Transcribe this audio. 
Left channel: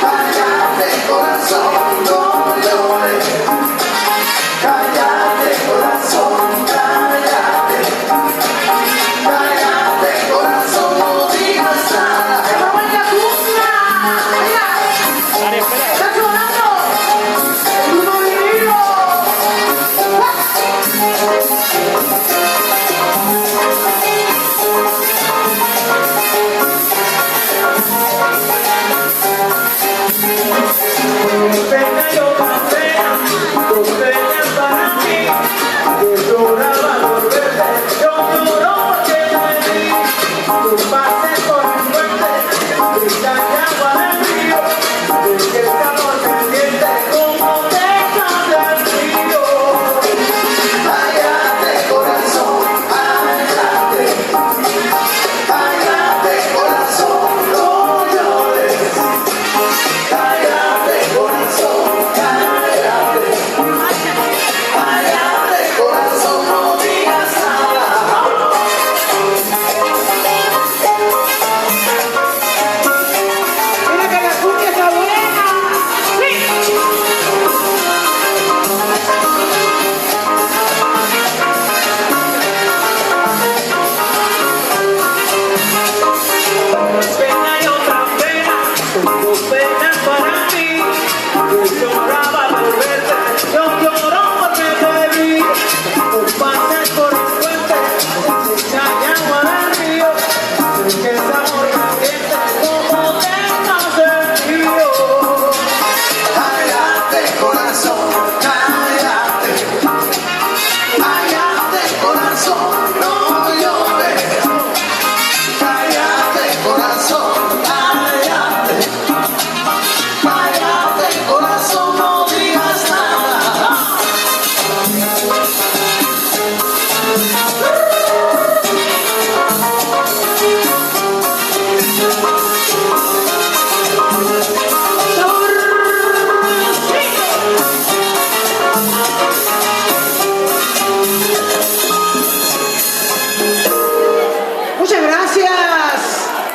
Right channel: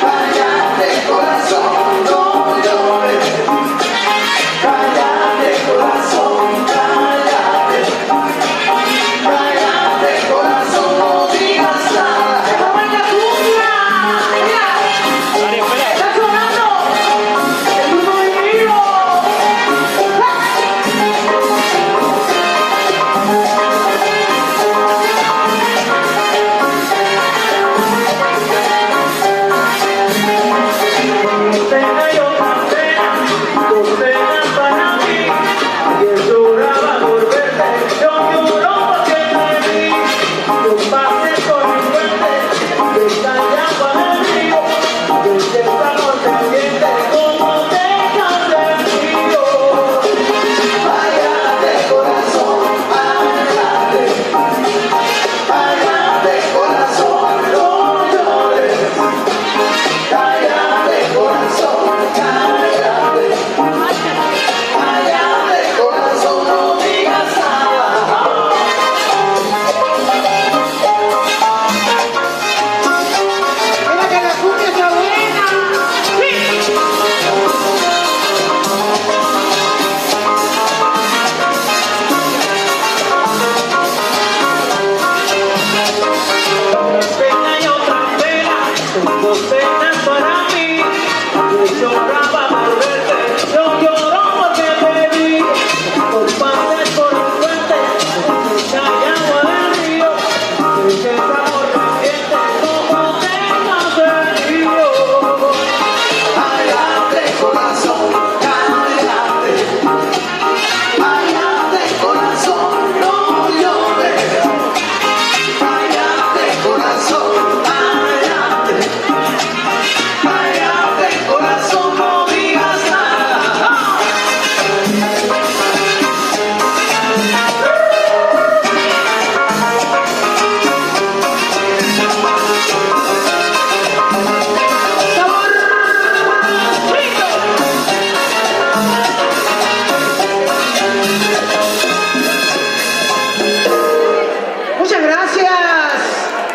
Cállate, corazón, no llores. Cállate, corazón, cállate. Cállate, corazón, no digas nada. ¡Esa buena cumbia! ¡Mira! ¡Está sonando! ¡El marido! Venga yo campeón, tú vengas para mí, que llorar va a volverte, yo lloro porque no hay mí, tú pases por mi parte, tú estás